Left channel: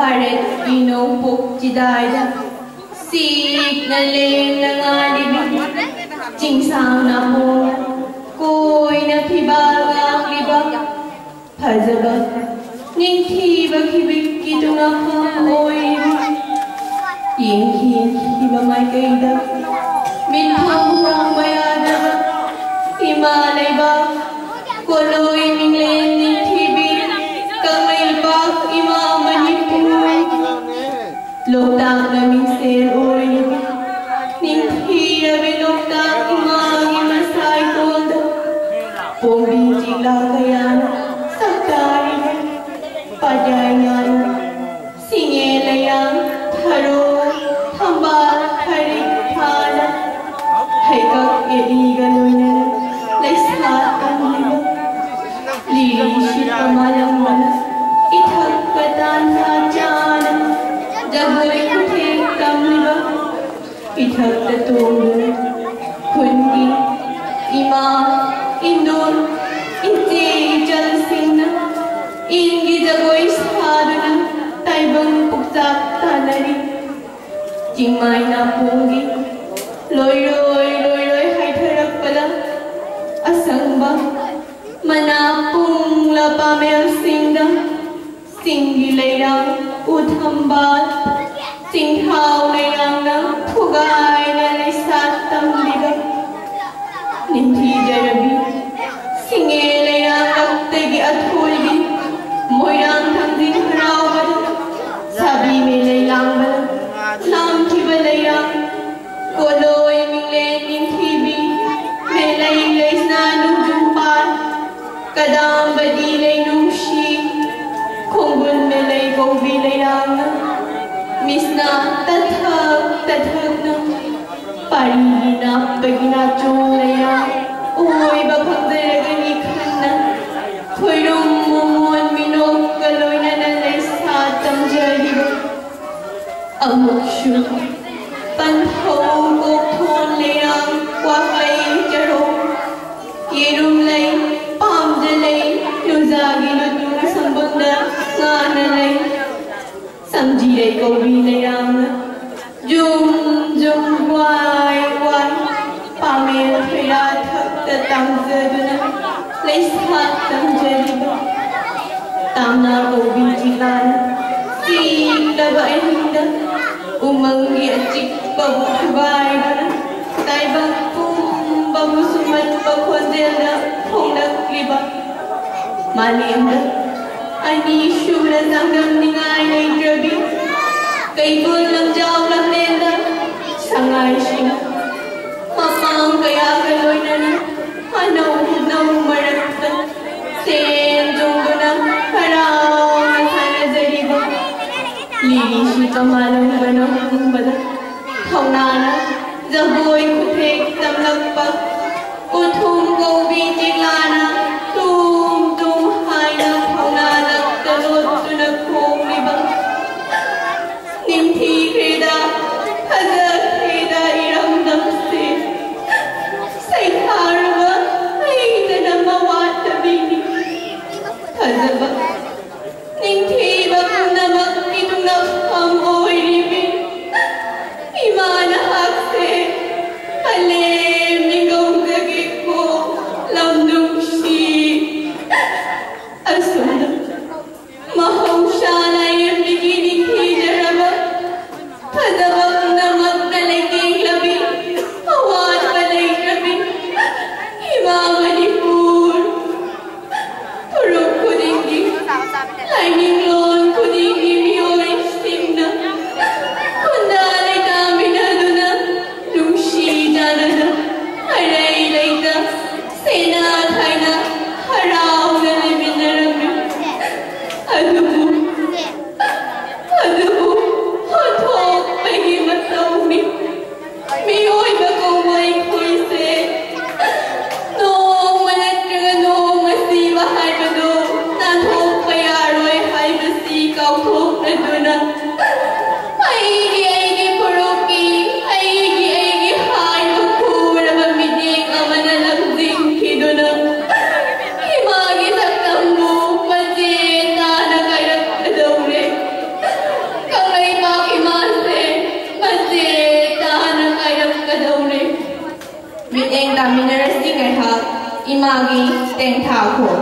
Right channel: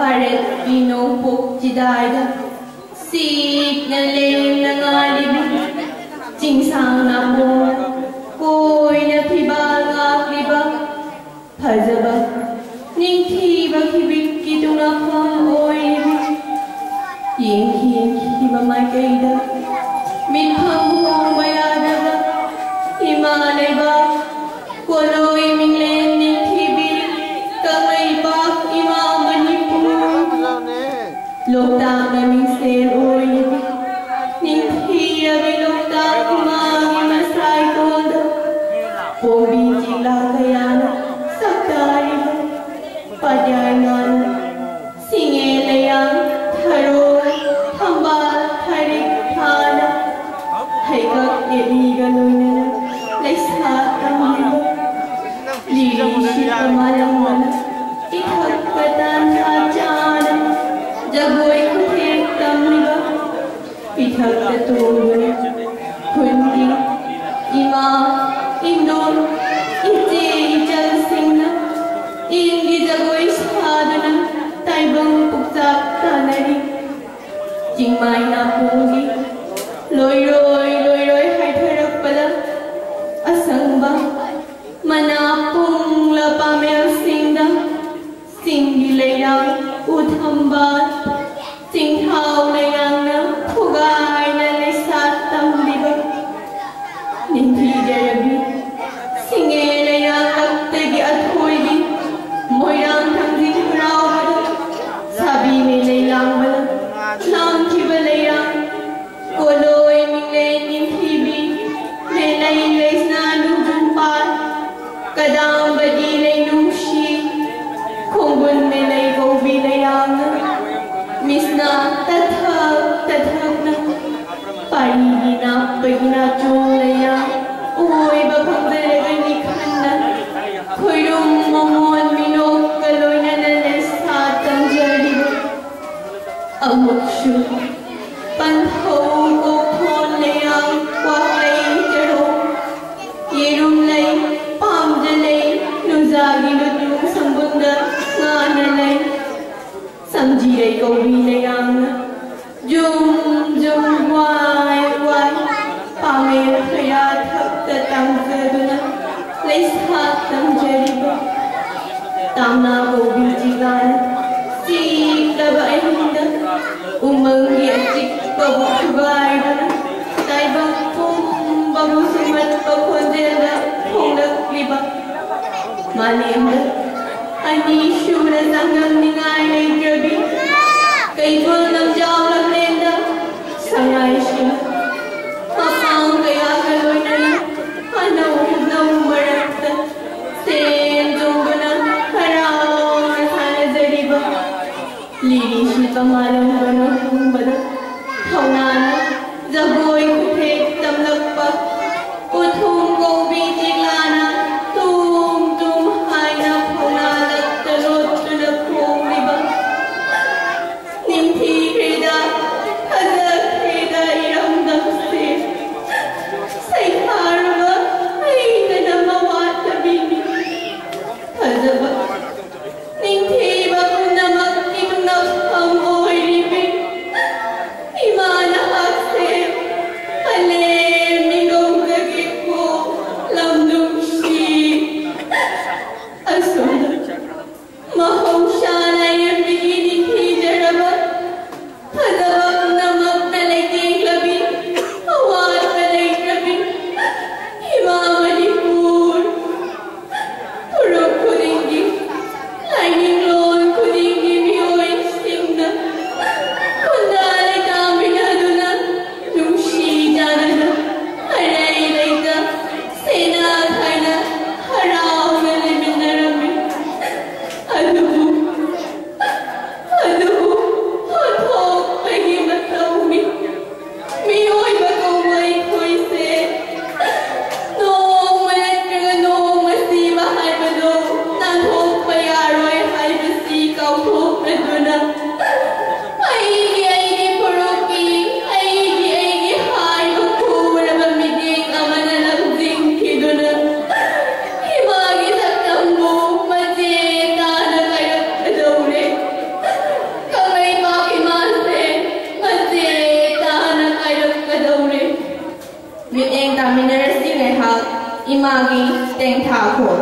Bharat Vino Pokjidaya Sik na leng na ngalibig Jingsang na mo Koy na tibal ngaklibag Phajaba Ningthibag hibig kitungakam oy Yinghi mamay kaida Minham hang mayadaba Himalay ba Koloy minglen ningthibig Kamay bak imamanipu Lokdang naming sen oy Ningthira bilokdang umangin masay tondo Pumijig lakayana Sakari Padayana Singelayang Tharo Thambal Tharik Thana Haikak Iligaluy na Laisatan nila Lilishi Pamalang Mana Itak Patan Rajana Jagoy Kutik Kamliba Itak Tatulun Kundi Ima Indon Iti Jalsingna Ingi Jagoy Sadana Taibang Puktak Tanari Jingmay na pungi Loy Hay Tharak pala Asang ba Manapung Lapamel Singda Singgilayang Uthambal Singhaw Layang na Pugay na Laysatang Lidag Ninti Jarabi Singelayang Agtagi at Hulgi Moyang Tangding Rawad Sabi Milayang Balag Lang Kibalayang Koloy Minglen Ninghibi Melay na Nungjumpal Kadang Badilay Nungshi Kunggun Melay Gobilayang Misna Tathag na Parigi na Paginachunglayang Uy Bapagdaragan Ikhan na Kuyung Mamon Minok Kaloy na Nalaysatang Jariba Amukshu Panhaw Gopon Layang Wakay Jaro Yerumlay Pamdalay Nuzagi Nudung Sambunda Nganalay Samjiray Gobilayang Jum Wai Pamir Kaya Tatang Zeruna Laysatang Jariba Tamna Gobijigan Sik Daba Ehinda Umangi Ajik Babu Kubaybana Taibang Pum Babu Sumat Bakwazela Punggak Liba Malimba Ani Shura Zanggam Ningay Naidrabi Kaibul Lang Jaw Lang Lenda Sangay Shina Mapang Kaya Kaloy Nani Hanaw Marakta Sen Junguna Haraw Nathana Zariba Lilishi Kamalang Banang Bala Thaunana Zagoy Kutik Tamlakpak Uthum Gobi Jilana Tum Haina Thaunana Talot Tunakong Liba Nimthi Krida Hazak Krida Iram Damse Saikharva Aita Namawat Tabini Hazaba Nimthi Namak Itunap Ham Oy Ribin Imana Hakse Halim Ningong Gagiko Lamdung Mieng Taminers Ingehak, Imagi Teng Thako.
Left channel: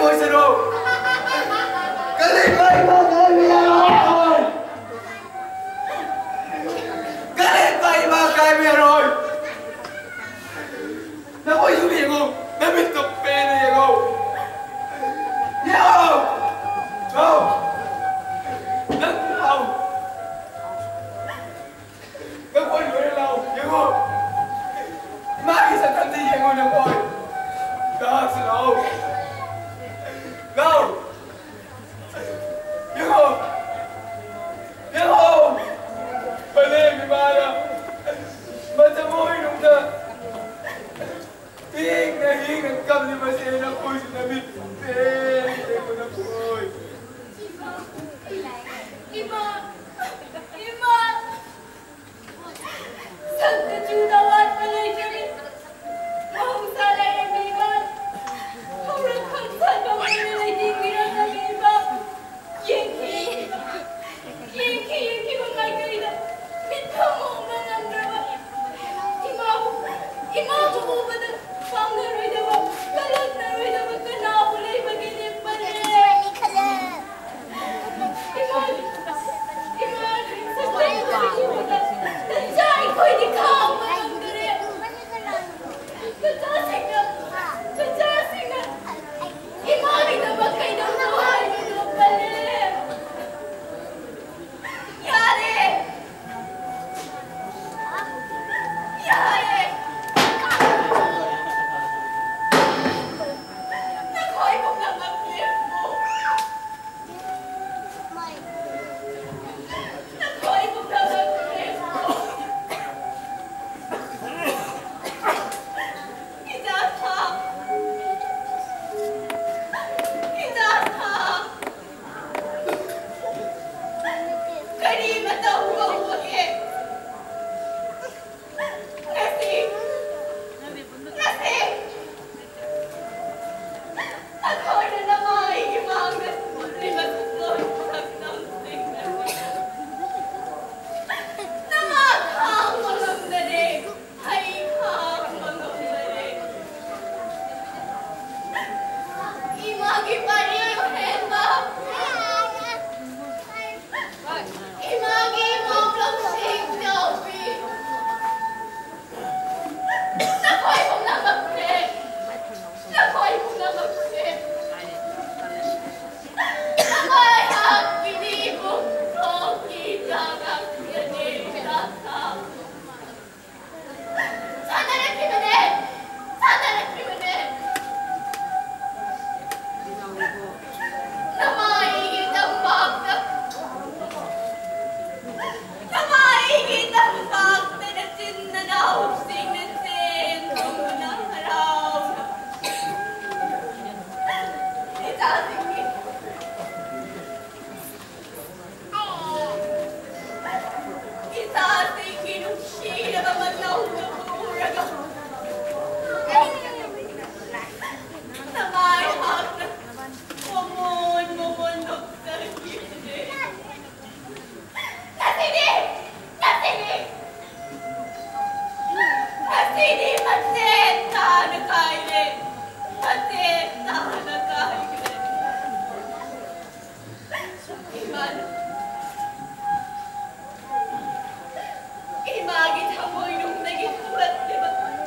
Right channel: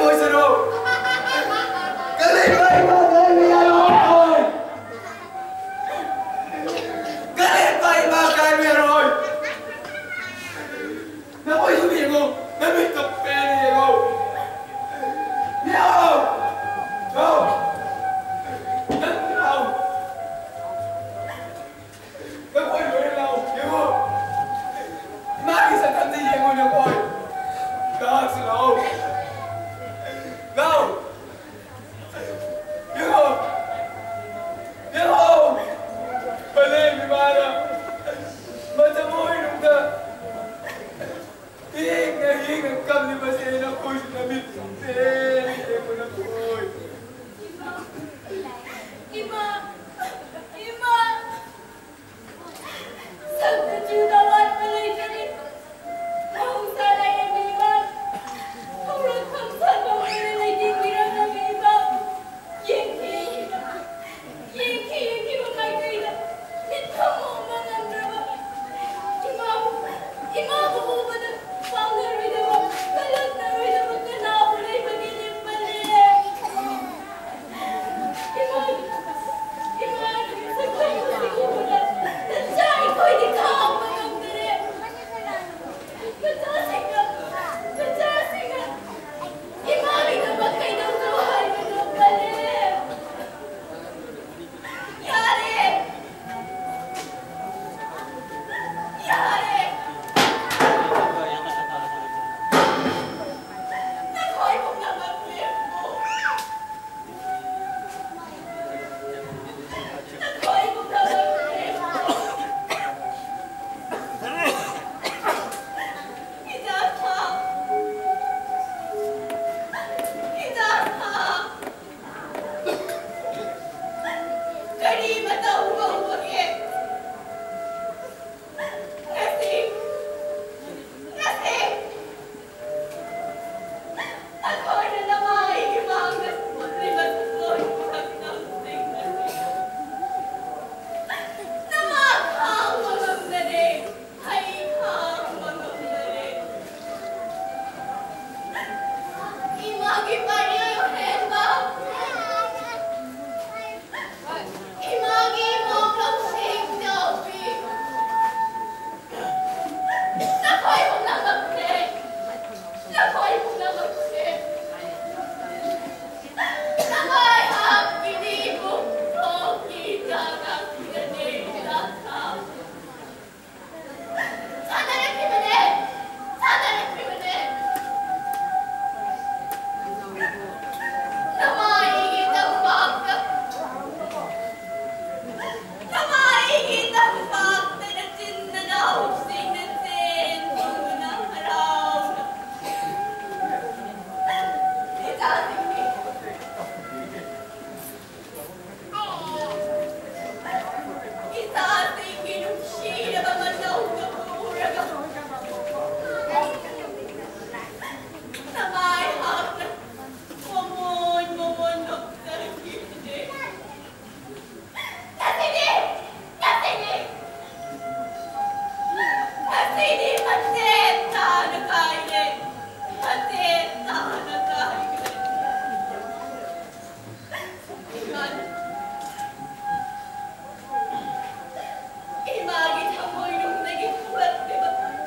ngồi sơ đồ cái này bay mà cái bị rồi cái này bay mà cái bị rồi nó có gì vậy không nó bị tập bê này không nhớ không không nó không nó quên rồi đâu nhớ không mai sẽ thành gì vậy ngồi được rồi đó xin lỗi đâu nhớ không nhớ không bà lên với bà đó bà sẽ môi đúng chưa hiên là cầm thì bà sẽ nó khôi sẽ nó biết thế của nó khôi Ima Sabda judawan malay kami mahusala yung iman Hurang hamsan mo malay dingiran ng iba Yengki mga kaida Bita mo mga andrawa Imaw ko ba na pangaroy na ba Kalag na roy na magkanapulay maginip pa nila Imagit hamoy nung naging buhat, diba?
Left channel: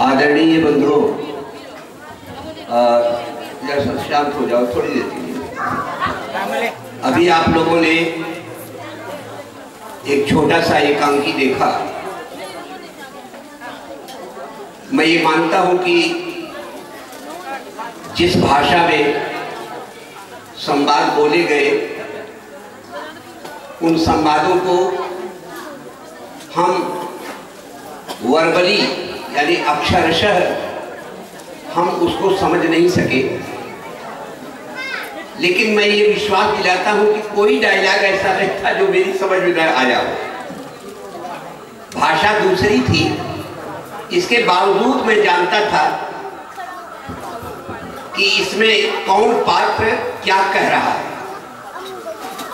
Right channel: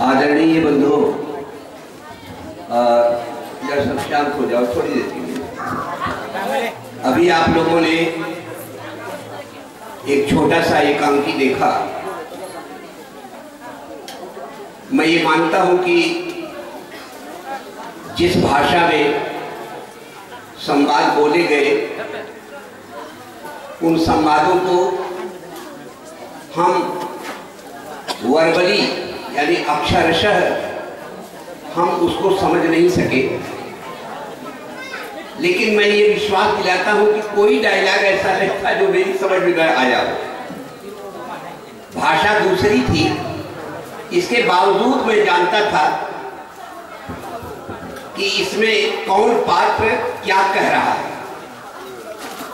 आदरणीय बंधुओं, या सब शांत हो जाओ थोड़ी देर के लिए। अभी आप लोगों ने एक छोटा सा एकांकी देखा। मैं ये मानता हूं कि जिस भाषा में संवाद बोले गए, उन संवादों को हम वर्बली यानी अक्षरशः हम उसको समझ नहीं सके, लेकिन मैं ये विश्वास दिलाता हूं कि कोई डायलॉग ऐसा नहीं था जो मेरी समझ में आया हो। भाषा दूसरी थी, इसके बावजूद मैं जानता था कि इसमें कौन पात्र क्या कह रहा है,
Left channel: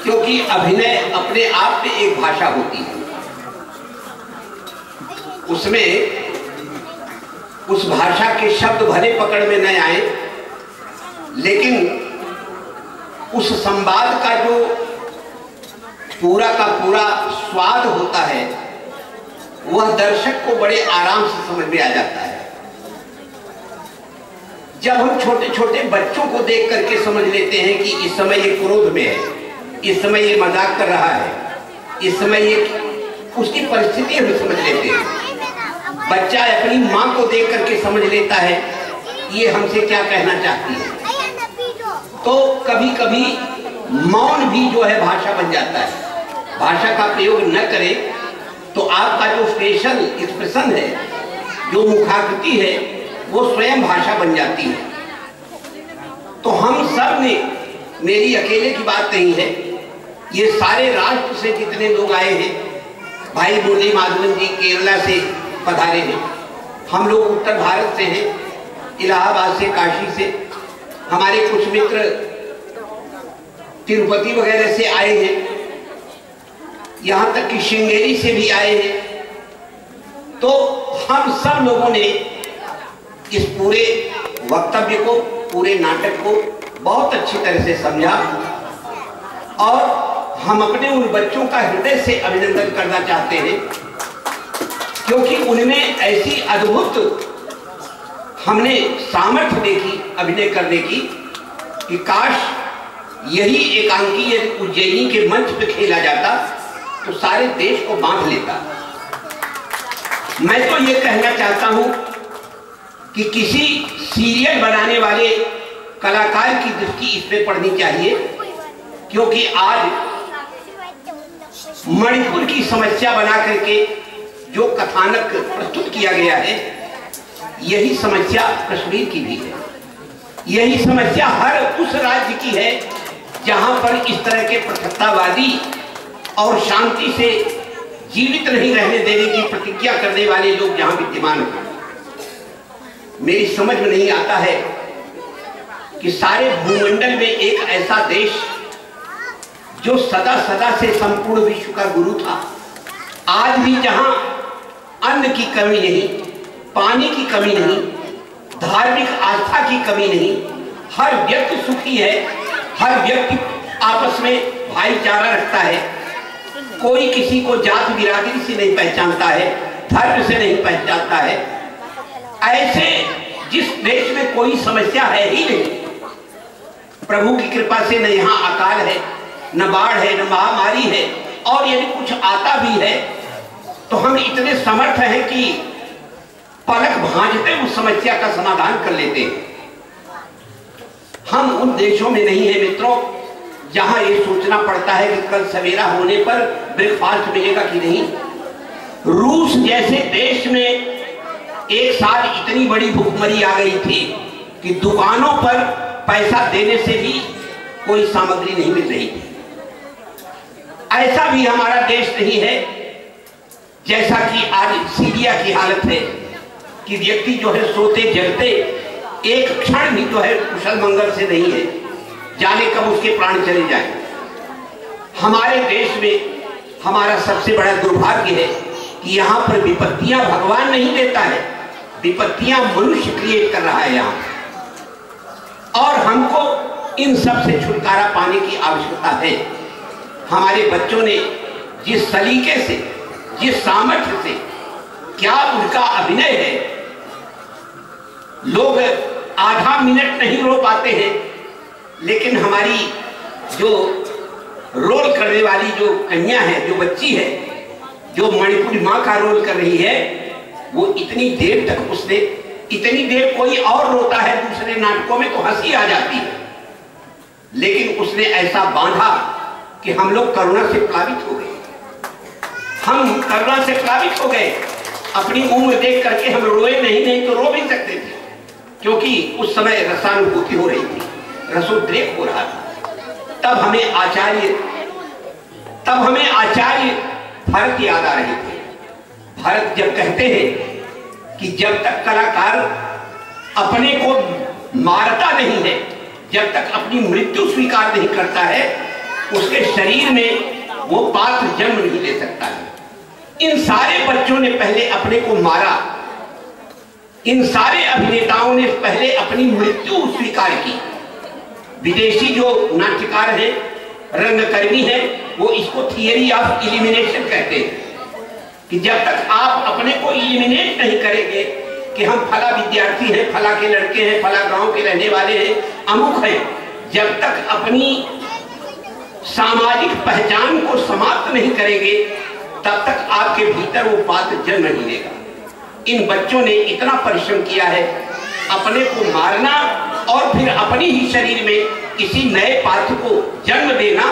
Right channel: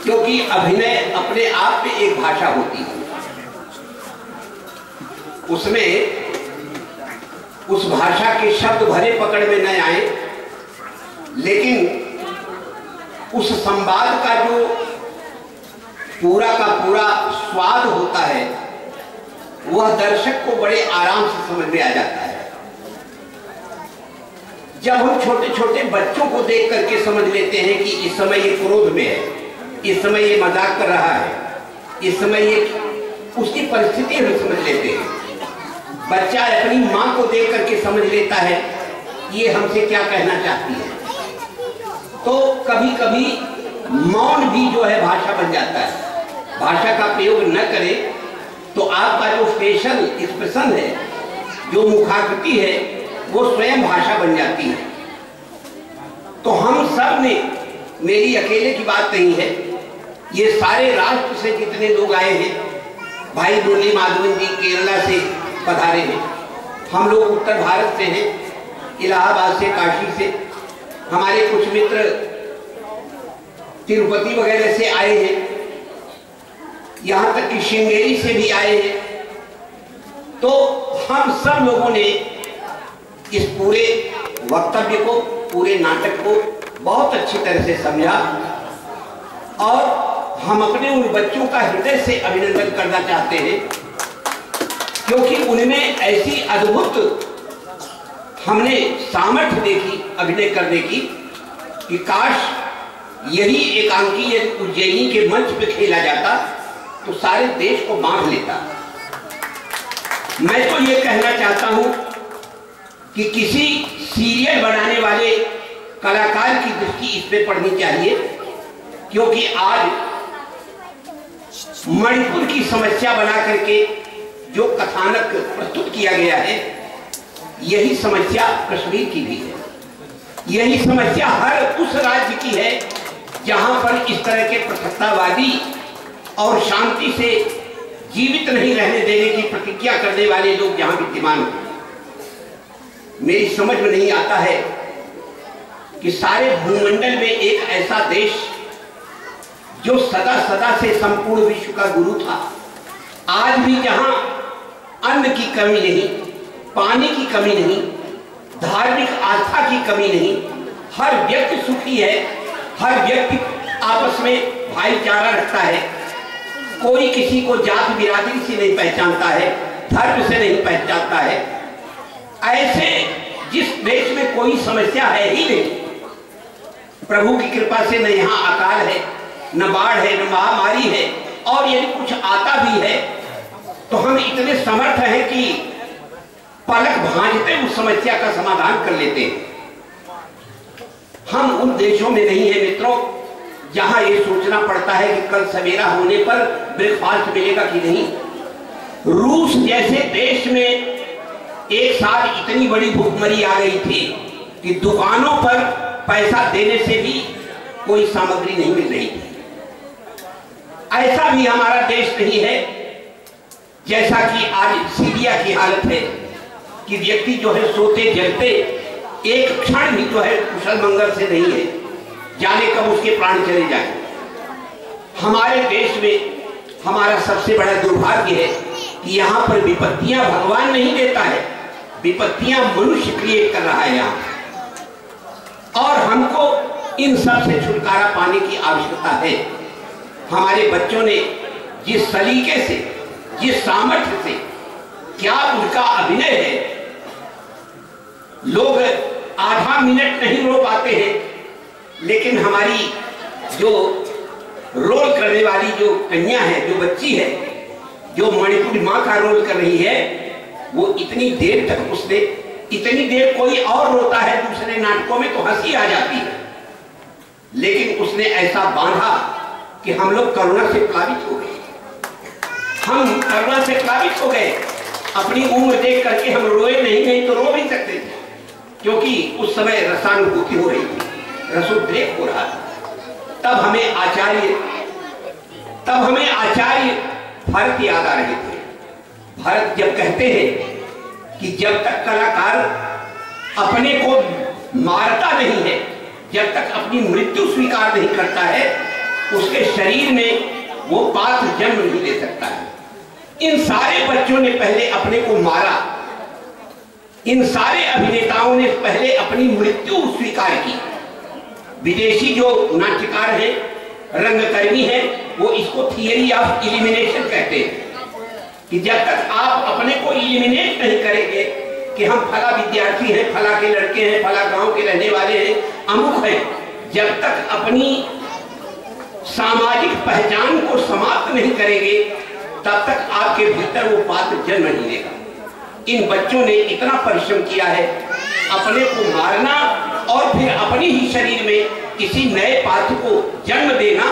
क्योंकि अभिनय अपने आप में एक भाषा होती है। उसमें उस भाषा के शब्द भले पकड़ में न आए, लेकिन उस संवाद का जो पूरा का पूरा स्वाद होता है, वह दर्शक को बड़े आराम से समझ में आ जाता है। जब हम छोटे छोटे बच्चों को देख करके समझ लेते हैं कि इस समय ये क्रोध में है, इस समय ये मजाक कर रहा है, इस समय ये उसकी परिस्थिति हम समझ लेते हैं। बच्चा अपनी माँ को देख करके समझ लेता है ये हमसे क्या कहना चाहती है। तो कभी कभी मौन भी जो है भाषा बन जाता है। भाषा का प्रयोग न करें तो आपका जो फेशियल एक्सप्रेशन है, जो मुखाकृति है, वो स्वयं भाषा बन जाती है। तो हम सब ने, मेरी अकेले की बात नहीं है, ये सारे राष्ट्र से जितने लोग आए हैं, भाई मुरली माधवन जी केरला से पधारे हैं, हम लोग उत्तर भारत से हैं, इलाहाबाद से, काशी से, हमारे कुछ मित्र तिरुपति वगैरह से आए हैं, यहां तक कि श्रृंगेरी से भी आए हैं। तो हम सब लोगों ने इस पूरे वक्तव्य को, पूरे नाटक को बहुत अच्छी तरह से समझा और हम अपने उन बच्चों का हृदय से अभिनंदन करना चाहते हैं, क्योंकि उनमें ऐसी अद्भुत हमने सामर्थ्य देखी अभिनय करने की कि काश यही एकांकी उज्जैनी के मंच पे खेला जाता तो सारे देश को बांध लेता। मैं तो ये कहना चाहता हूं कि किसी सीरियल बनाने वाले कलाकार की दृष्टि इस पे पड़नी चाहिए, क्योंकि आज मणिपुर की समस्या बना करके जो कथानक प्रस्तुत किया गया है, यही समस्या कश्मीर की भी है। यही समस्या हर उस राज्य की है जहां पर इस तरह के पृथकतावादी और शांति से जीवित नहीं रहने देने की प्रतिज्ञा करने वाले लोग जहां विद्यमान हैं। मेरी समझ में नहीं आता है कि सारे भूमंडल में एक ऐसा देश जो सदा सदा से संपूर्ण विश्व का गुरु था, आज भी जहां अन्न की कमी नहीं, पानी की कमी नहीं, धार्मिक आस्था की कमी नहीं, हर व्यक्ति सुखी है, हर व्यक्ति आपस में भाईचारा रखता है, कोई किसी को जात बिरादरी से नहीं पहचानता है, धर्म से नहीं पहचानता है, ऐसे जिस देश में कोई समस्या है ही नहीं, प्रभु की कृपा से न यहाँ अकाल है, न बाढ़ है, न महामारी है, और यदि कुछ आता भी है तो हम इतने समर्थ हैं कि पलक भांजते उस समस्या का समाधान कर लेते हैं। हम उन देशों में नहीं है मित्रों जहां ये सोचना पड़ता है कि कल सवेरा होने पर ब्रेकफास्ट मिलेगा कि नहीं। रूस जैसे देश में एक साल इतनी बड़ी भूखमरी आ गई थी कि दुकानों पर पैसा देने से भी कोई सामग्री नहीं मिल रही थी। ऐसा भी हमारा देश नहीं है जैसा कि आज सीरिया की हालत है कि व्यक्ति जो है सोते जगते एक क्षण भी जो है कुशल मंगल से नहीं है, जाने कब उसके प्राण चले जाए। हमारे देश में हमारा सबसे बड़ा दुर्भाग्य है कि यहाँ पर विपत्तियां भगवान नहीं देता है, विपत्तियां मनुष्य क्रिएट कर रहा है यहाँ, और हमको इन सब से छुटकारा पाने की आवश्यकता है। हमारे बच्चों ने जिस सलीके से, जिस सामर्थ्य से, क्या उनका अभिनय है, लोग आधा मिनट नहीं रो पाते हैं, लेकिन हमारी जो रोल करने वाली जो कन्या है, जो बच्ची है, जो मणिपुरी माँ का रोल कर रही है, वो इतनी देर तक उसने, इतनी देर कोई और रोता है दूसरे नाटकों में तो हंसी आ जाती है, लेकिन उसने ऐसा बांधा कि हम लोग करुणा से प्लावित हो गए। हम करुणा से प्लावित हो गए। अपनी उम्र देख करके हम रोए नहीं तो रो भी सकते थे, क्योंकि उस समय रसानुभूति हो रही थी, रसोद्रेक हो रहा था। तब हमें आचार्य भरत याद आ रहे थे। भरत जब कहते हैं कि जब तक कलाकार अपने को मारता नहीं है, जब तक अपनी मृत्यु स्वीकार नहीं करता है, उसके शरीर में वो पात्र जन्म नहीं ले सकता है। इन सारे बच्चों ने पहले अपने को मारा, इन सारे अभिनेताओं ने पहले अपनी मृत्यु स्वीकार की। विदेशी जो नाट्यकार हैं, रंगकर्मी हैं, वो इसको थियरी ऑफ इलिमिनेशन कहते हैं कि जब तक आप अपने को इलिमिनेट नहीं करेंगे कि हम फला विद्यार्थी हैं, फला के लड़के हैं, फला गांव के रहने वाले हैं, अमुक हैं, जब तक अपनी सामाजिक पहचान को समाप्त नहीं करेंगे, तब तक आपके भीतर वो पात्र जन्म नहीं लेगा। इन बच्चों ने इतना परिश्रम किया है, अपने को मारना और फिर अपनी ही शरीर में किसी नए पात्र को जन्म देना,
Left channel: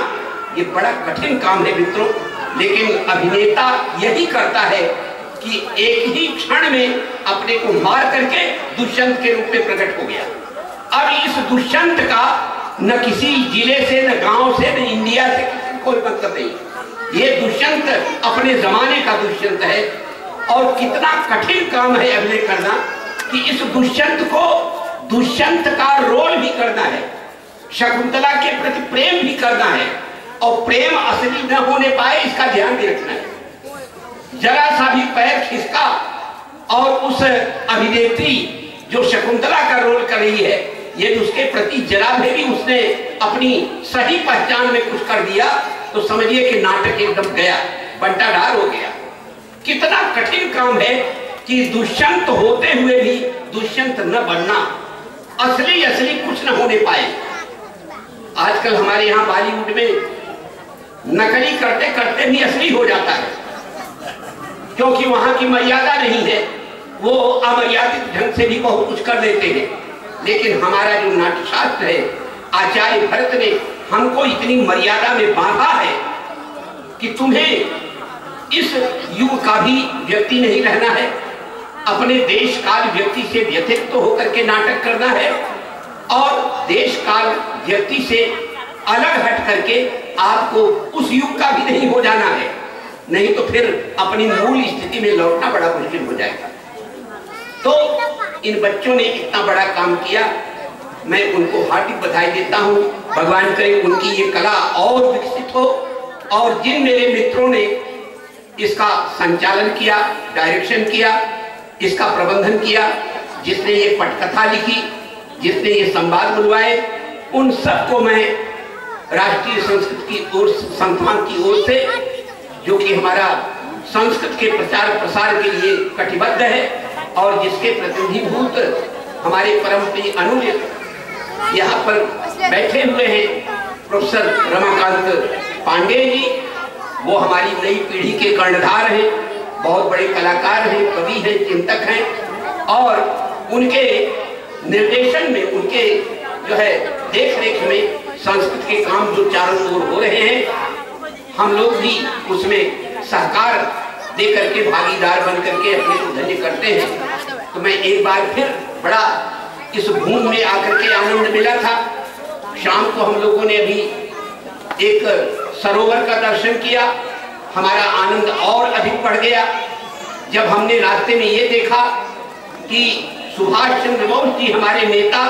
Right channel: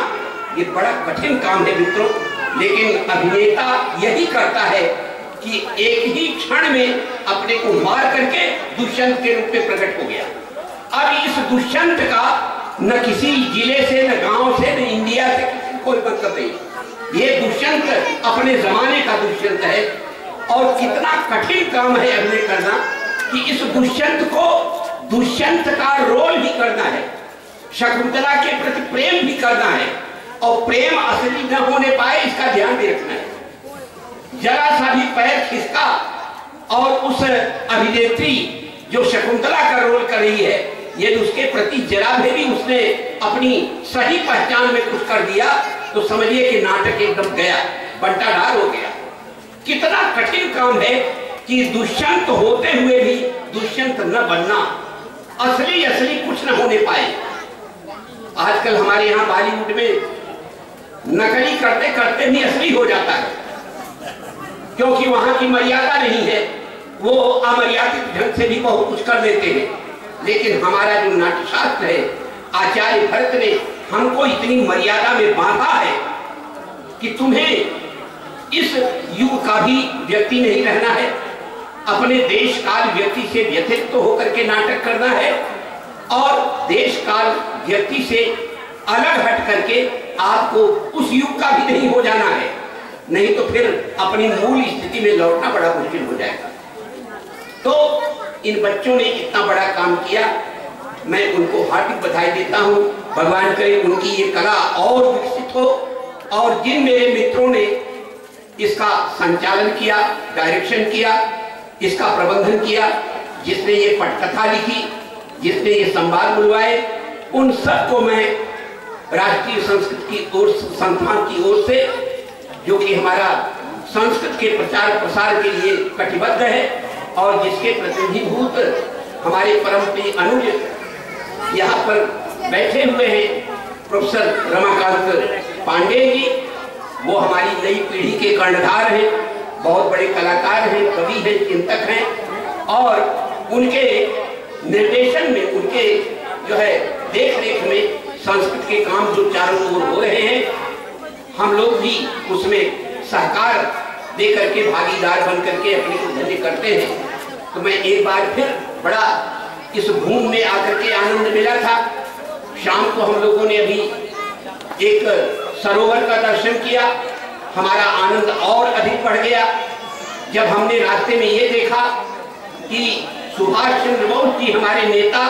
ये बड़ा कठिन काम है मित्रों। लेकिन अभिनेता यही करता है कि एक ही क्षण में अपने को मार करके दुष्यंत के रूप में प्रकट हो गया। अब इस दुष्यंत का न किसी जिले से, न गांव से, न इंडिया से कोई मतलब नहीं। ये दुष्यंत अपने जमाने का दुष्यंत है, और कितना कठिन काम है अभिनय करना कि इस दुष्यंत को दुष्यंत का रोल भी करना है, शकुंतला के प्रति प्रेम भी करना है, और प्रेम असली न होने पाए इसका ध्यान भी रखना है। जरा सा भी पैर खिसका और उस अभिनेत्री जो शकुंतला का रोल कर रही है, यदि उसके प्रति जरा भी उसने अपनी सही पहचान में कुछ कर दिया तो समझिए कि नाटक एकदम गया, बंटाढार हो गया। कितना कठिन काम है कि दुष्यंत होते हुए भी दुष्यंत न बनना, असली कुछ न होने पाए। आजकल हमारे यहाँ बॉलीवुड में नकली करते करते भी असली हो जाता है, क्योंकि वहां की मर्यादा नहीं है, वो अमर्यादित ढंग से भी बहुत कुछ कर देते हैं। लेकिन हमारा जो नाट्यशास्त्र है, आचार्य भरत ने हमको इतनी मर्यादा में बांधा है कि तुम्हें इस युग का भी व्यक्ति नहीं रहना है, अपने देश काल व्यक्ति से व्यतिरिक्त होकर के नाटक करना है, और देश काल व्यक्ति से अलग हट करके आपको उस युग का भी नहीं हो जाना है, नहीं तो फिर अपनी मूल स्थिति में लौटना बड़ा मुश्किल हो जाएगा। तो इन बच्चों ने इतना बड़ा काम किया, मैं उनको हार्दिक बधाई देता हूँ। भगवान करे उनकी ये कला और विकसित हो, और जिन मेरे मित्रों ने इसका संचालन किया, डायरेक्शन किया, इसका प्रबंधन किया, जिसने ये पटकथा लिखी, जिसने ये संवाद बुलवाए, उन सबको मैं राष्ट्रीय संस्कृत की ओर संस्थान की ओर से, जो कि हमारा संस्कृत के प्रचार प्रसार के लिए कटिबद्ध है और जिसके प्रतिनिधिभूत हमारे परम प्रिय अनुज यहाँ पर बैठे हुए हैं, प्रोफेसर रमाकांत पांडे जी, वो हमारी नई पीढ़ी के कर्णधार हैं, बहुत बड़े कलाकार हैं, कवि हैं, चिंतक हैं, और उनके निर्देशन में, उनके जो है देख रेख में संस्कृत के काम जो चारों ओर हो रहे हैं, हम लोग भी उसमें सहकार दे करके, भागीदार बन करके अपने को धन्य करते हैं। तो मैं एक बार फिर बड़ा इस भूमि में आकर के आनंद मिला था। शाम को हम लोगों ने अभी एक सरोवर का दर्शन किया, हमारा आनंद और अधिक बढ़ गया जब हमने रास्ते में ये देखा कि सुभाष चंद्र बोस जी, हमारे नेता,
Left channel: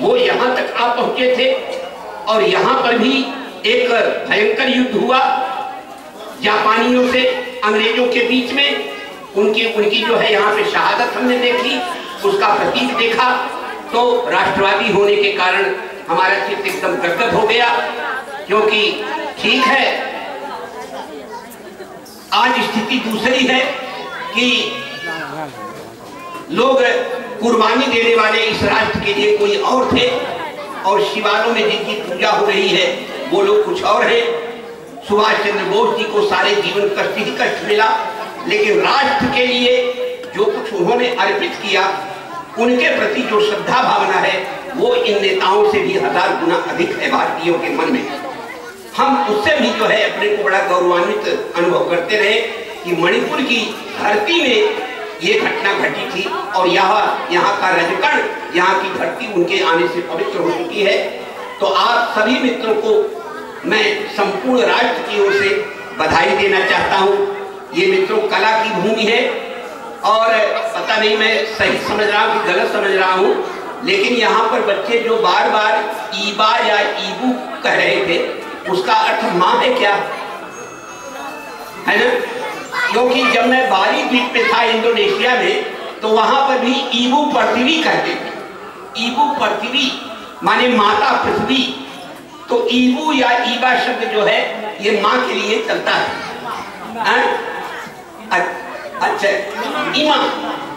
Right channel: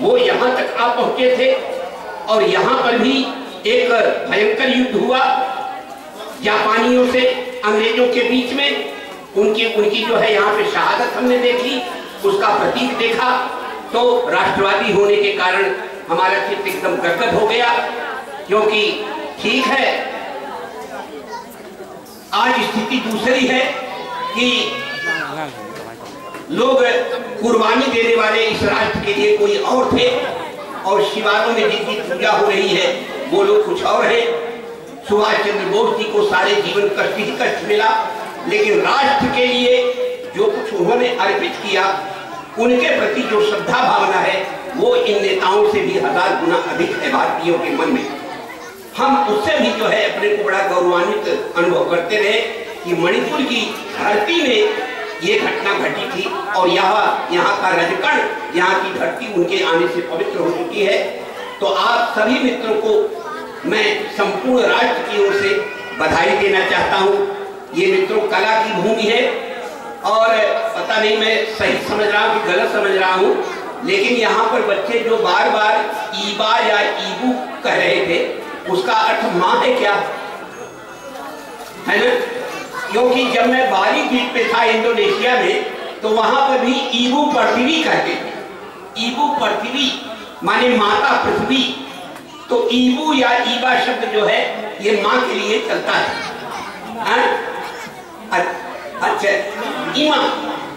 वो यहाँ तक आ पहुंचे थे, और यहाँ पर भी एक भयंकर युद्ध हुआ जापानियों से अंग्रेजों के बीच में। उनकी जो है यहाँ पे शहादत हमने देखी, उसका प्रतीक देखा, तो राष्ट्रवादी होने के कारण हमारा चित्त एकदम गदगद हो गया। क्योंकि ठीक है, आज स्थिति दूसरी है कि लोग कुर्बानी देने वाले इस राष्ट्र के लिए कोई और थे, और शिवालयों में जिनकी पूजा हो रही है वो लोग कुछ और है। सुभाष चंद्र बोस जी को सारे जीवन कष्ट ही कष्ट मिला, लेकिन राष्ट्र के लिए जो कुछ उन्होंने अर्पित किया, उनके प्रति जो श्रद्धा भावना है वो इन नेताओं से भी 1000 गुना अधिक है भारतीयों के मन में। हम उससे भी जो है अपने को बड़ा गौरवान्वित अनुभव करते रहे कि मणिपुर की धरती में ये घटना घटी थी, और यहाँ का रजकण, यहाँ की धरती उनके आने से पवित्र हो चुकी है। तो आप सभी मित्रों को मैं संपूर्ण राष्ट्र की ओर से बधाई देना चाहता हूँ। ये मित्रों कला की भूमि है, और पता नहीं मैं सही समझ रहा हूँ कि गलत समझ रहा हूँ, लेकिन यहाँ पर बच्चे जो बार बार ईबा या ईबू कह रहे थे, उसका अर्थ माँ है क्या, है ना? क्योंकि जब मैं बाली द्वीप पे था इंडोनेशिया में, तो वहां पर भी ईबू पृथ्वी कहते थे। ईबू पृथ्वी माने माता पृथ्वी। तो ईबू या ईबा शब्द जो है ये माँ के लिए चलता है। अच्छा, ईमा,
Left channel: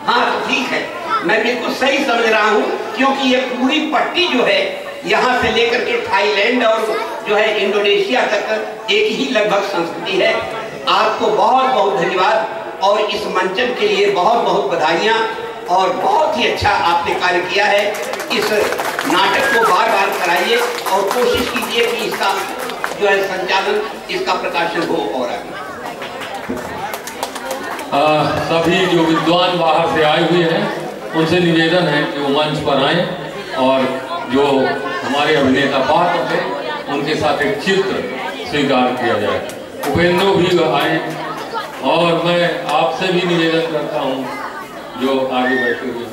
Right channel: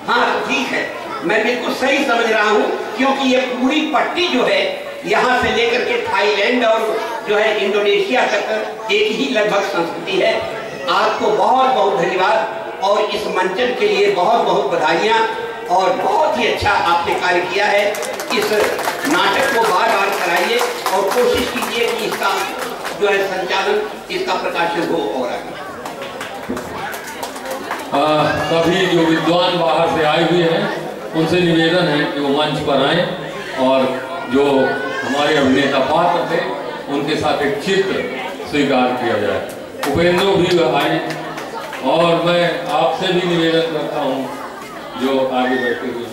हाँ ठीक है, मैं बिल्कुल सही समझ रहा हूँ, क्योंकि ये पूरी पट्टी जो है यहाँ से लेकर के थाईलैंड और जो है इंडोनेशिया तक एक ही लगभग संस्कृति है। आपको बहुत बहुत धन्यवाद, और इस मंचन के लिए बहुत बहुत बधाइयाँ, और बहुत ही अच्छा आपने कार्य किया है। इस नाटक को बार बार कराइए और कोशिश कीजिए कि इसका जो है संचालन, इसका प्रकाशन हो। और आगे सभी जो विद्वान बाहर से आए हुए हैं उनसे निवेदन है कि वो मंच पर आए, और जो हमारे अभिनेता पात्र थे उनके साथ एक चित्र स्वीकार किया जाए। उपेंद्र भी आए, और मैं आपसे भी निवेदन करता हूँ जो आगे बैठे हुए